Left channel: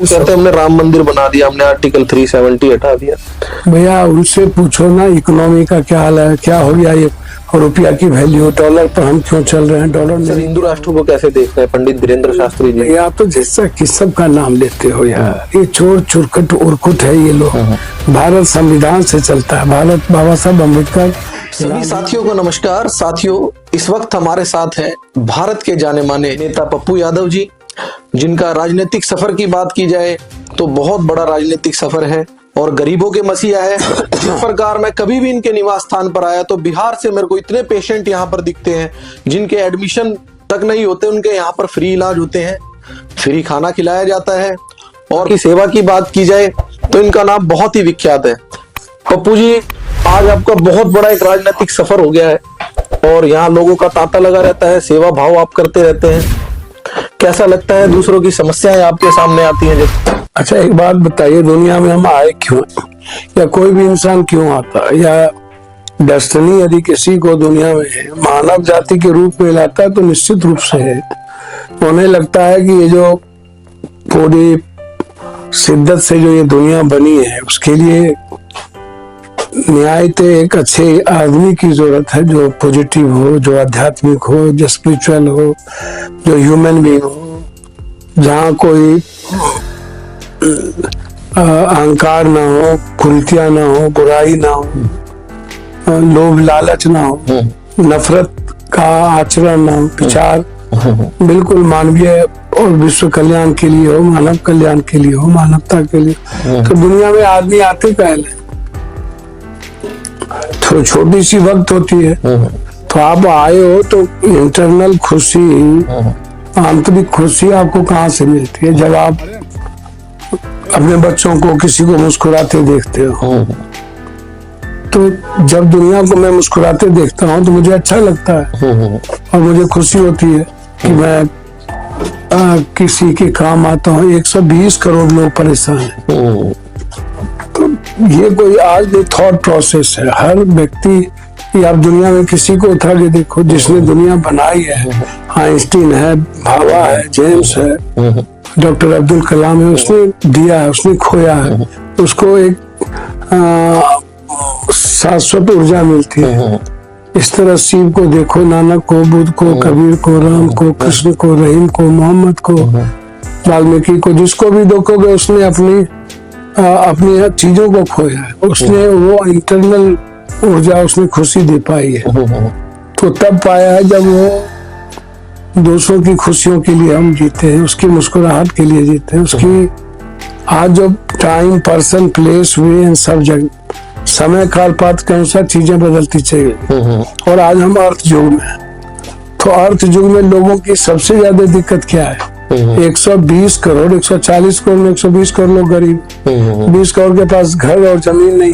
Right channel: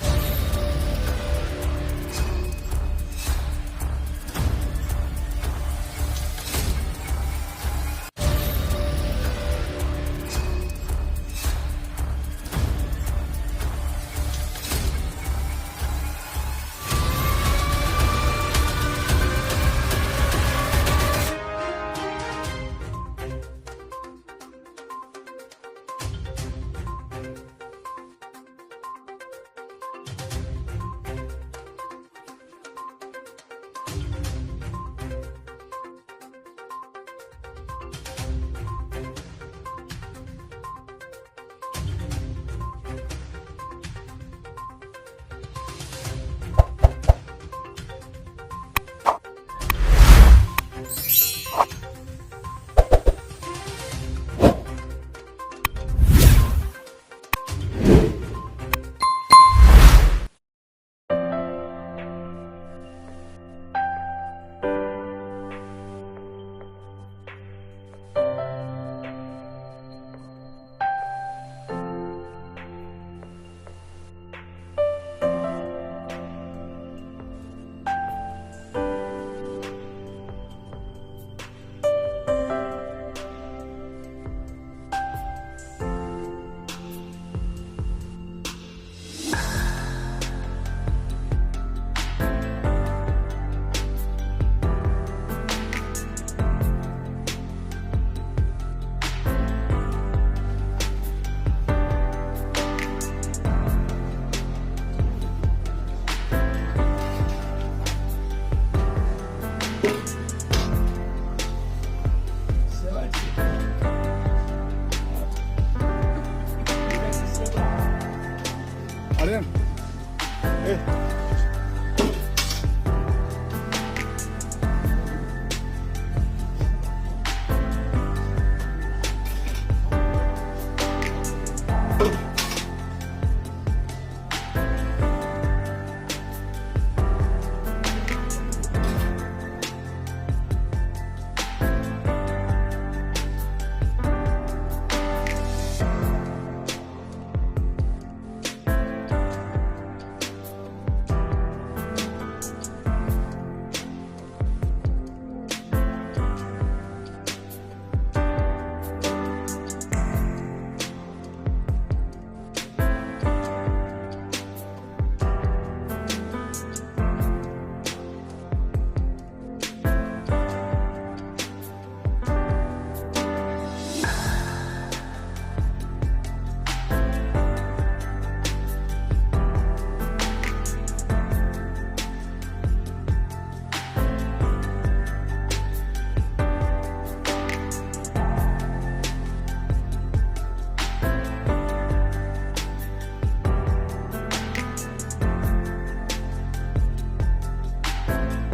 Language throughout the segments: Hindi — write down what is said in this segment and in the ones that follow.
कहते हमने राम मंदिर बना दिया, हमने आर्टिकल 370 हटा दिया। भैया उनसे पूछो ना इकोनॉमी का क्या हाल है, क्या हो गया ये रुपया की वैल्यू, डॉलर पर हम क्यों चल रहे हैं, डॉलर सर नहीं। हिंदू राष्ट्र को कैसे देखते हैं पंडित वीरेंद्र शास्त्री जी? आप तो जैसा किस्म का नाम लेते हो यार, ये चोर चुरकट उर्कुट है ये लोग। भारत संविधान से चलता है, भारत बाबा साहब अम्बेडकर। सभी साथियों को नमस्कार। साथियों, इस वक्त हमारे साथ हैं भारत के जाने माने नेता पप्पू यादव जी, जिनका राजनीतिक सफर की बात की जाए तो बहुत बड़ा राजनीतिक सफर है और गरीबों के मसीहा है। जिस प्रकार मैं कभी भी इनके निवास स्थान पर आया तो बिहार से मेरे को इतने पेशेंट यहाँ पर दिखते हैं जिनके एडमिशन तक नहीं होते, उनके यहाँ पर फ्री इलाज होते हैं, फ्री खाना खिलाया जाता है। और की सेवा की बात की जाए तो इनका नाम बहुत ही विख्यात है। पप्पू जी, आज आपका बहुत बड़ा एक राजनीतिक सफर हो गया है और यहाँ लोगों का तांता लगा रहता है, सेवा भाव आप करते रहते हैं। कैसा लगता है दूसरों की समस्याएं आपके सामने आती हैं जब? अच्छा एक बात बताइए, दुनिया में हम आए क्यों, या कोई भी इंसान क्यों आता है, या डेस्टिनी यदि किसी को दुनिया में मानव जाति के रूप में लाता है तो निश्चित रूप से है। उन्हें लगता है कि ये जो पूरी शिद्दत से जो ये दुनिया बनी है उसके लिए न्यायतः एक अच्छे आदमी की जरूरत है, जो पॉजिटिव हो, जो आध्यात्मिक हो, जो स्पिरिचुअल हो, जो ह्यूमन बीइंग हो, जहाँ कोई अहंकार ना हो, कुरीतियां ना हो, बुराई ना हो, लोभ लालच ना हो, नफरत का आचरण ना हो, विचार बिल्कुल मानवीय और विश्व कल्याण के लिए हो, मानव कल्याण के लिए हो, मानवता के लिए। तो दुनिया में आदमी आते पहले तो छोटी सी वक्त होती है, तो आप आए हो तो इंटरनल खुशी, आंतरिक खुशी आपको कहाँ से मिलती है? जब आप अपने बच्चों को, किसी को मुस्कुराते देखते हो, तो जब दुनिया को मैं मुस्कुराते देखता हूँ तो मुझे अच्छा लगता है और मुझे खुशी होती है कि मैं किसी के काम आता हूँ। 120 करोड़ लोग परेशान हैं, तो ये कोई आज ये थॉट प्रोसेस है। हर व्यक्ति, आप दुनिया में किसी को उठा के देखो जिसने दुनिया बनाई है, आइंस्टीन है, भाभा है, जेम्स है, डॉक्टर अब्दुल कलाम है, उसने दिया है, उसने खोया है, उसको एक शाश्वत ऊर्जा मिलती है। इस तरह शिव को देखो, नानक को, बुद्ध को, कबीर को, राम को, कृष्ण को, रहीम को, मोहम्मद को, वाल्मीकि को, जिसको भी देखोगे उसने अपनी चीजों को खोया है, उसने वो इंटरनल ऊर्जा, उसने खुशी दे पाई है। तो तब पाया है जब वो दूसरों की खुशियों के लिए हम जीते हैं, उसकी मुस्कुराहट के लिए जीते हैं, उसकी आज जो टाइम, पर्सन, प्लेस, वे इन सब जगह समय काल पात्र के अनुसार चीजें बदलती चली। और आज हम अर्थ युग में हैं, तो अर्थ युग में लोगों की सबसे ज्यादा दिक्कत क्या है? 120 करोड़, 140 करोड़, 120 करोड़ लोग गरीब, 20 करोड़ के पास घर और जमीन नहीं,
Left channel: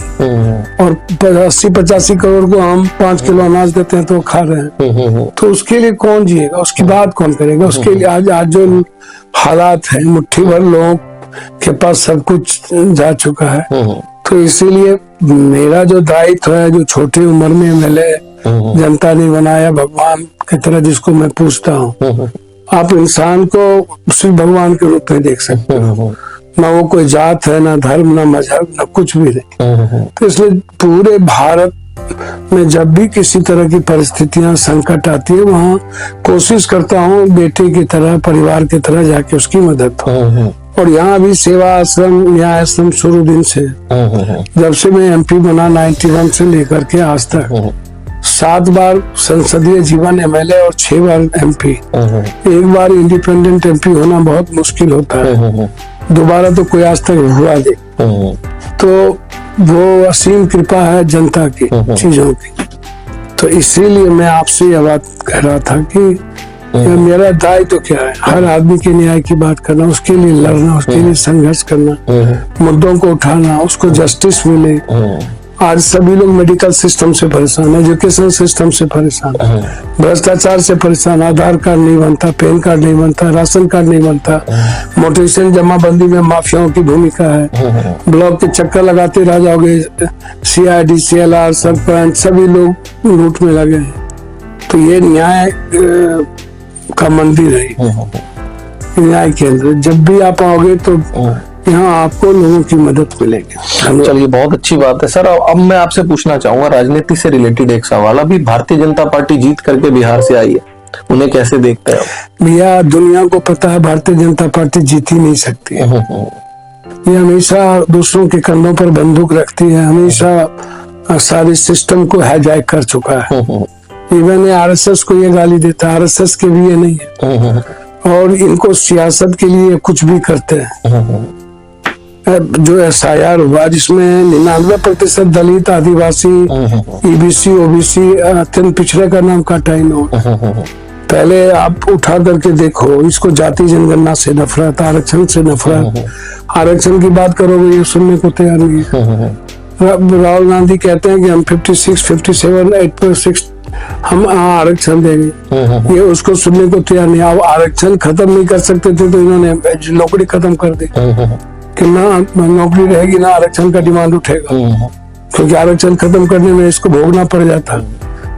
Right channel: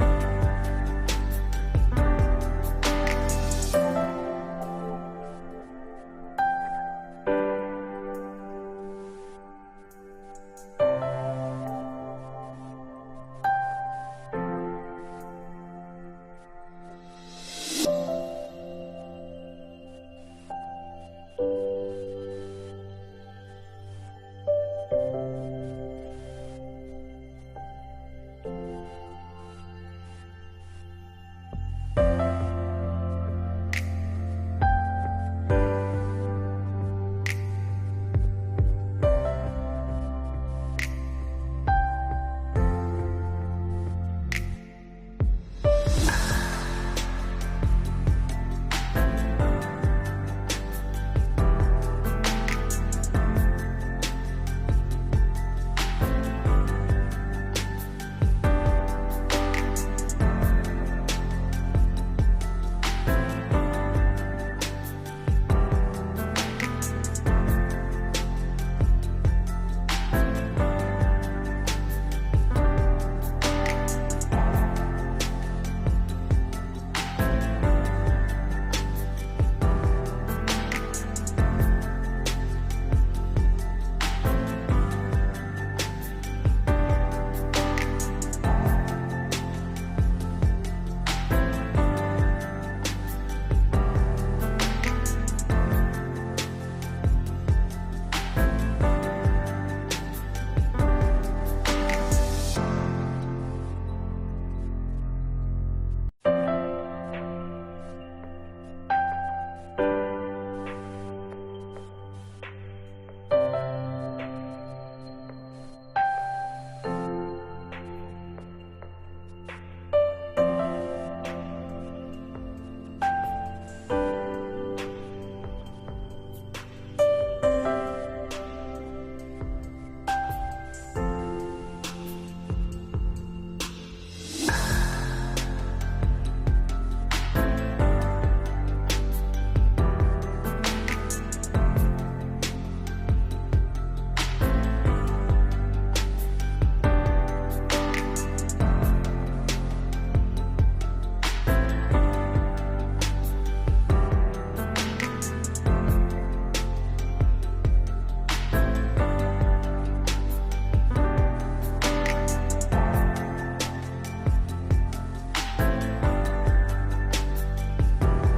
और 80-85 करोड़ को हम 5 किलो अनाज देते हैं तो खा रहे हैं। तो उसके लिए कौन जिएगा, उसकी बात कौन करेगा? उसके लिए आज जो हालात है, मुट्ठी भर लोगों के पास सब कुछ जा चुका है। तो इसीलिए मेरा जो दायित्व है, जो छोटी उम्र में मैंने जनता ने बनाया भगवान की तरह, जिसको मैं पूछता हूँ, आप इंसान को सिर्फ भगवान के रूप में देख सकते हो। ना वो कोई जात है, ना धर्म, ना मजहब, ना कुछ भी नहीं। तो इसलिए पूरे भारत में जब भी किसी तरह की परिस्थितियां, संकट आती है, वहाँ कोशिश करता हूँ बेटे की तरह, परिवार की तरह जाके उसकी मदद हो। और यहाँ भी सेवा आश्रम, न्याय आश्रम शुरू दिन से, जब से मैं एमपी बना 91 से लेकर के आज तक 7 बार संसदीय जीवन एमएलए और 6 बार एमपी। एक बार इंडिपेंडेंट एमपी होना बहुत मुश्किल होता है, दोबारा तो कोई आज तक हुआ नहीं। तो वो असीम कृपा है जनता की, चीजों की। तो इसीलिए मैं आपसे यह बात कह रहा था कि मेरा दायित्व तो क्या है? हर आदमी के न्याय की बात करना, उसके लिए लड़ना, उसके लिए संघर्ष करना, मुद्दों को उठाना, उसको जस्टिस मिले। आज सभी लोग मेडिकल सिस्टम से परेशान, एजुकेशन सिस्टम से परेशान, भ्रष्टाचार से परेशान, आधार कार्ड नहीं बनता, पैन कार्ड नहीं बनता, राशन कार्ड नहीं बनता, मोटेशन जमाबंदी में माफियाओं की भूमिका है, ब्लॉक के चक्कर लगाते रह जाओगे, CID, CLR, सरपंच सभी लोग लूट में लगे हैं। तो ये न्याय का मंदिर है न्याय केंद्र। जब भी आप आओगे तो यहाँ आपको लोगों की मदद मिलेगी। चलिए, बहुत अच्छी बात है सर। अब मैं आपसे पूछना चाहूंगा राजनीति से रिलेटेड एक सवाल। अभी भारतीय जनता पार्टी जीत करके बिहार से आई है, उन्हें कैसे देखते हैं आप? भैया, दुनिया को पता है भारतीय जनता पार्टी जीत ही नहीं सकती है। ये हमेशा दूसरों के कंधों पर बंदूक रखती है, हमेशा सारे सिस्टम को हाईजैक कर चुका है। इवन आरएसएस को ये गाली देता है, आरएसएस के भी ये नहीं है, और इनको सियासत के लिए कुछ भी करते हैं। जो SIR हुआ जिसमें 99% दलित, आदिवासी, EBC, OBC, अत्यंत पिछड़े का नाम काटा इन्होंने। पहले आप उठा करके देखो, इसको जाति जनगणना से नफरत, आरक्षण से नफरत। आरक्षण की बात करोगे ये सुनने को तैयार नहीं है। राहुल गांधी कहते हैं कि हम 56, 57, 8.6 हम आरक्षण देंगे, ये उसको सुनने को तैयार नहीं। अब आरक्षण खत्म नहीं कर सकते थे तो इन्होंने नौकरी खत्म कर दी कि ना नौकरी रहेगी ना आरक्षण का डिमांड उठेगा, क्योंकि आरक्षण खत्म करने में इसको भोगना पड़ जाता।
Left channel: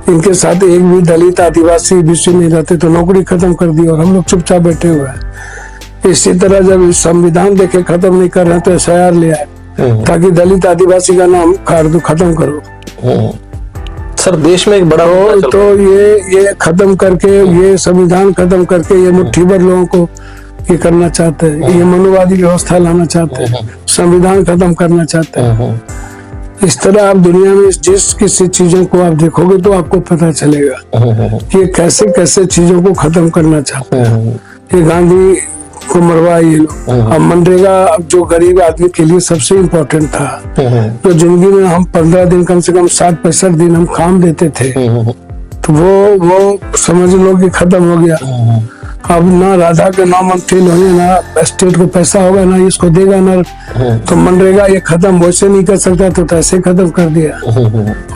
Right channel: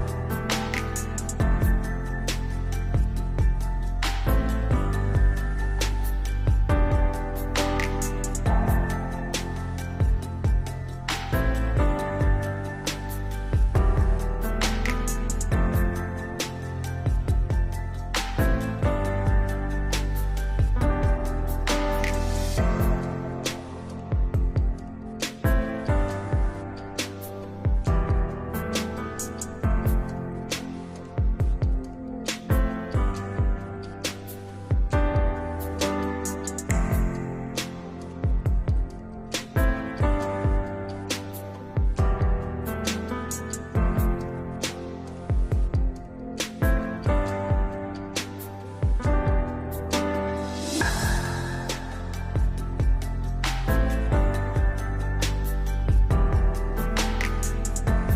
इनके साथ एक भी दलित, आदिवासी, BC नहीं रहते तो नौकरी खत्म कर दी और हम लोग चुपचाप बैठे हुए हैं। इसी तरह जब संविधान देखे खत्म नहीं कर रहे तो SIR ले आए ताकि दलित, आदिवासी का नाम खत्म करो। सर, देश में एक बड़ा तो ये खत्म करके, ये संविधान खत्म करके ये मुट्ठी भर लोगों को ये करना चाहते हैं, ये मनुवादी व्यवस्था लाना चाहते हैं, संविधान खत्म करना चाहते हैं। इस तरह आप दुनिया में जिस किसी चीजों को आप देखोगे तो आपको पता चलेगा कि ये कैसे कैसे चीजों को खत्म करना चाहते हैं। ये गांधी को मरवाए ये लोग। अब मनरेगा जो गरीब आदमी के लिए सबसे इम्पोर्टेंट था, तो जिंदगी में हम 15 दिन कम से कम 60-65 दिन हम काम देते थे, तो वो समझ लो कि खत्म हो गया। अब ना राधा के नाम मंत्री होंगे, ना स्टेट को पैसा होगा, ना इसको देगा, ना तो मनरेगा ये खत्म वैसे नहीं कर सकता तो ऐसे खत्म कर दिया।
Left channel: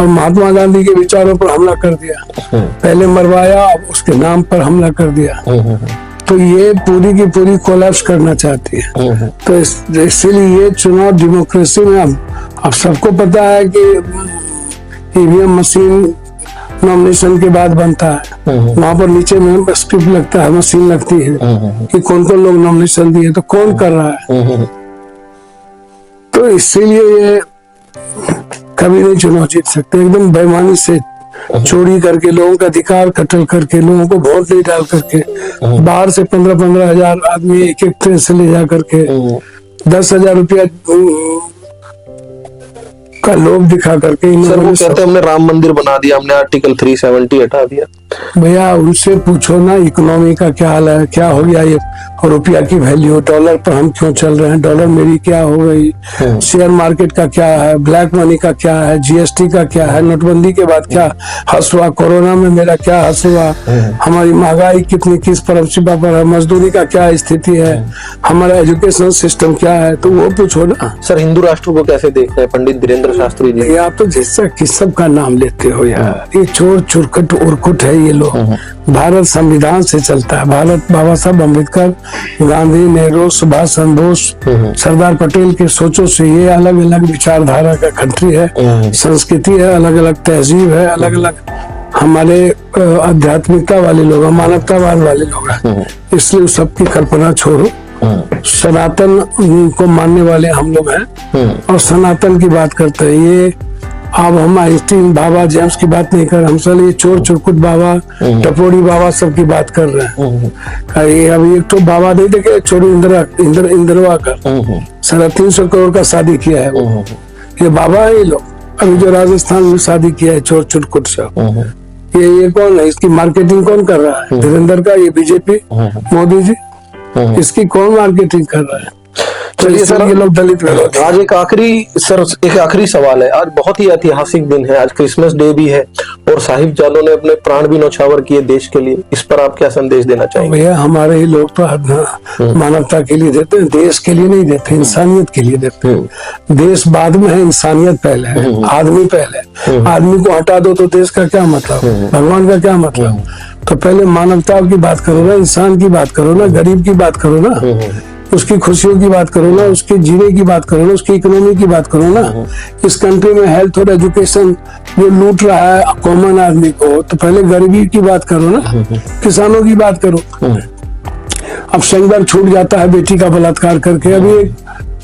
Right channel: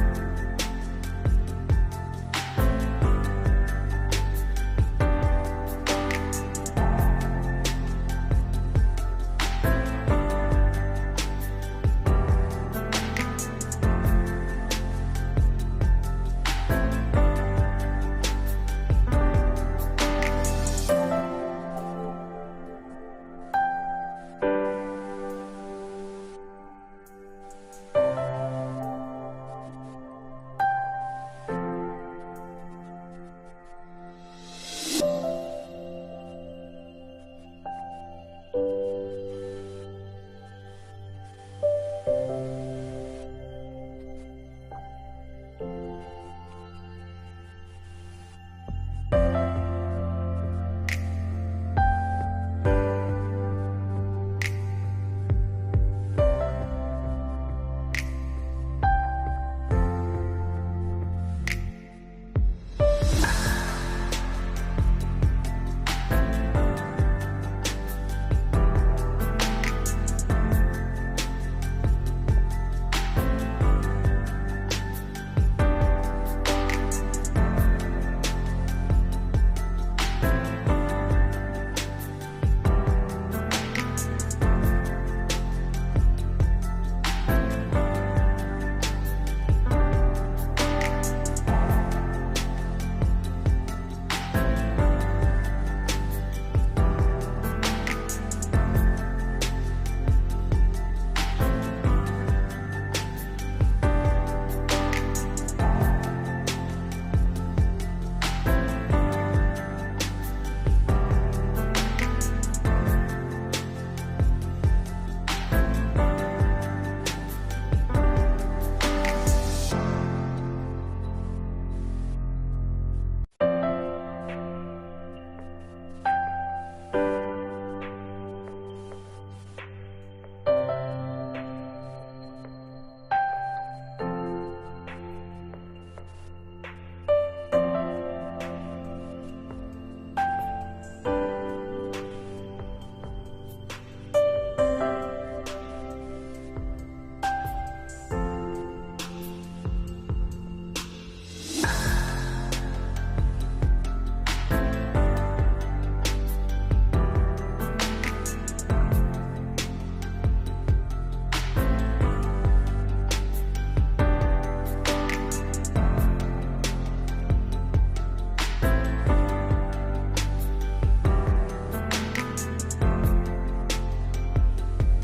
और महात्मा गांधी के विचारों पर हमला कर दिया, पहले मरवाया अब उसके नाम पर हमला कर दिया। तो ये पूरी की पूरी कोलैप्स करना चाहती है। तो इसीलिए ये चुनाव डेमोक्रेसी में अब सबको पता है कि EVM मशीन नॉमिनेशन के बाद बनता है, वहां पर नीचे में स्क्रिप्ट लगता है, मशीन लगती है कि कौन कौन लोग नॉमिनेशन दिए, तो कौन कर रहा है। तो इसीलिए ये कभी नहीं चुनाव जीत सकते। एकदम बेईमानी से चोरी करके, लोगों का अधिकार कत्ल करके, लोगों को वोट नहीं डाल करके, बाहर से 15-15 हजार आदमी एक ट्रेन से ले जा करके 10,000 रुपया का लोभ दिखा करके सर वो कहते हैं हमने राम मंदिर बना दिया, हमने आर्टिकल 370 हटा दिया। भैया उनसे पूछो ना इकोनॉमी का क्या हाल है, क्या हो गया ये रुपया की वैल्यू, डॉलर पर हम क्यों चल रहे हैं, डॉलर मेरी क्या हो गई, शेयर मार्केट का क्या है, ब्लैक मनी का क्या है, GST का क्या है, नोटबंदी के बाद क्या हस हुआ, कोरोना में मेरा क्या हस हुआ, हमारी महंगाई कितनी किस परसिपा पर है, मजदूरी का क्या स्थिति है, हमारा एजुकेशन सिस्टम क्या है, तो वो पूछो ना। सर हिंदू राष्ट्र को कैसे देखते हैं पंडित धीरेन्द्र शास्त्री जी? आप तो जैसा किस सब का नाम लेते हो यार, ये चोर चुरकट उर्कुट है ये लोग। भारत संविधान से चलता है, भारत बाबा साहब अम्बेडकर, गांधी, नेहरू, सुभाष चंद्र बोस, सरदार पटेल के सोचों से ये अलग अलग विचारधारा का कंट्री है, संस्कृति है, अलग अलग तहजीब है, अलग अलग हमारे आध्यात्मिकता वाले लोग, मानवतावाद वाले लोग हैं। इसलिए सबकी कल्पना छोड़ो, सनातन को मानने वाले हम लोग हैं और सनातन की बात करते हैं। ये अब हम आइंस्टीन बाबा जेम्स की बात नहीं कर रहे, हम सब ये चोर चुरकुट बाबा, टपोरी बाबा सब की बात कर रहे हैं। ये अभी एक तो बाबा नहीं देखे, चोरी इंदिरा का 350 करोड़ का शादी किया है वो, ये बाबा है ये लोग। अभी जो राजस्थान में शादी किया है चोर चुरकुट सब, ये कौन है, इसकी मार्केटिंग कौन कर रहा है? धीरेन्द्र का, ये बीजेपी, मोदी जी, इसकी कौन मार्केटिंग कर रहा है? चलिए सर, ये लोग दलित विरोधी। आज एक आखिरी सवाल है। आज बहुत ही ऐतिहासिक दिन है, आज क्रिसमस डे भी है और साहिबजादों ने अपने प्राण भी न्यौछावर किए देश के लिए। इस पर आप क्या संदेश देना चाहेंगे? भैया हमारे ही लोग तो मानवता के लिए देते हैं, देश के लिए नहीं देते, इंसानियत के लिए देते हैं। देश बाद में है, इंसानियत पहले है, आदमी पहले। आदमी को हटा दो तो देश का क्या मतलब, भगवान का क्या मतलब? तो पहले मानवता की बात करो ना, इंसान की बात करो ना, गरीब की बात करो ना, उसकी खुशियों की बात करो ना, उसके जीने की बात करो ना, उसकी इकोनॉमी की बात करो ना। इस कंट्री में हेल्थ और एजुकेशन जो लूट रहा है कॉमन आदमी को, तो पहले गरीबी की बात करो ना, किसानों की बात करो। अब संघर्ष छूट जाता है बेटी का बलात्कार करके। अभी एक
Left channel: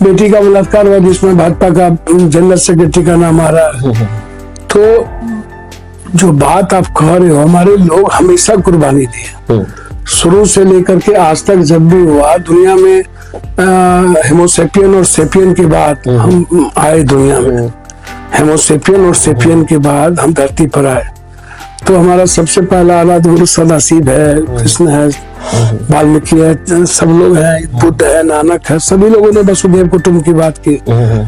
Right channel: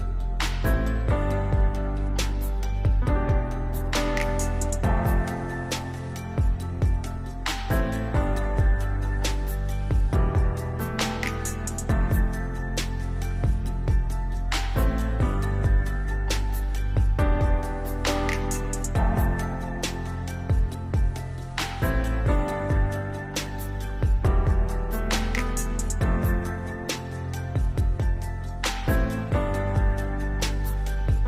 बेटी का बलात्कार हुआ जिसमें भाजपा का जनरल सेक्रेटरी का नाम आ रहा है। तो जो बात आप कह रहे हो, हमारे लोग हमेशा कुर्बानी दी है, शुरू से लेकर के आज तक। जब भी हुआ दुनिया में हेमोसेपियन और सेपियन के बाद हम आए दुनिया में, हेमोसेपियन और सेपियन के बाद हम धरती पर आए। तो हमारा सबसे पहला आराध्य गुरु सदाशिव है, कृष्ण है, वाल्मीकि है, सब लोग हैं, बुद्ध है, नानक है। सभी लोगों ने वसुधैव कुटुंब की बात की,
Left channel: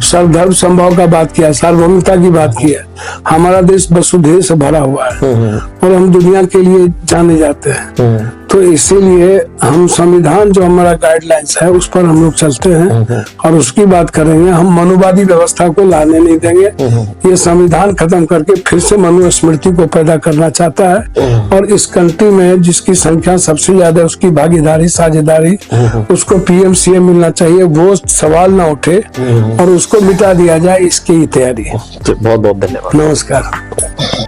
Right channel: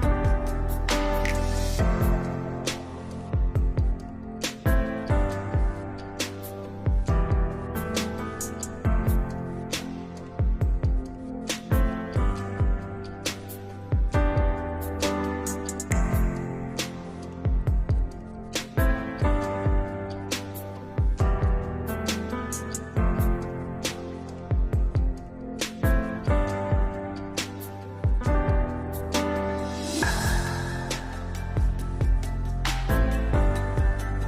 सर्वधर्म संभाव का बात किया, सार्वभौमिकता की बात की है। हमारा देश वसुधैव से भरा हुआ है और हम दुनिया के लिए जाने जाते हैं। तो इसीलिए हम संविधान जो हमारा गाइडलाइंस है उस पर हम लोग चलते हैं और उसकी बात करेंगे। हम मनुवादी व्यवस्था को लाने नहीं देंगे। ये संविधान खत्म करके फिर से मनुस्मृति को पैदा करना चाहता है और इस कंट्री में जिसकी संख्या सबसे ज्यादा, उसकी भागीदारी, साझेदारी, उसको पीएम सीएम मिलना चाहिए, वो सवाल ना उठे और उसको मिटा दिया जाए, इसकी ही तैयारी है। बहुत बहुत धन्यवाद। नमस्कार।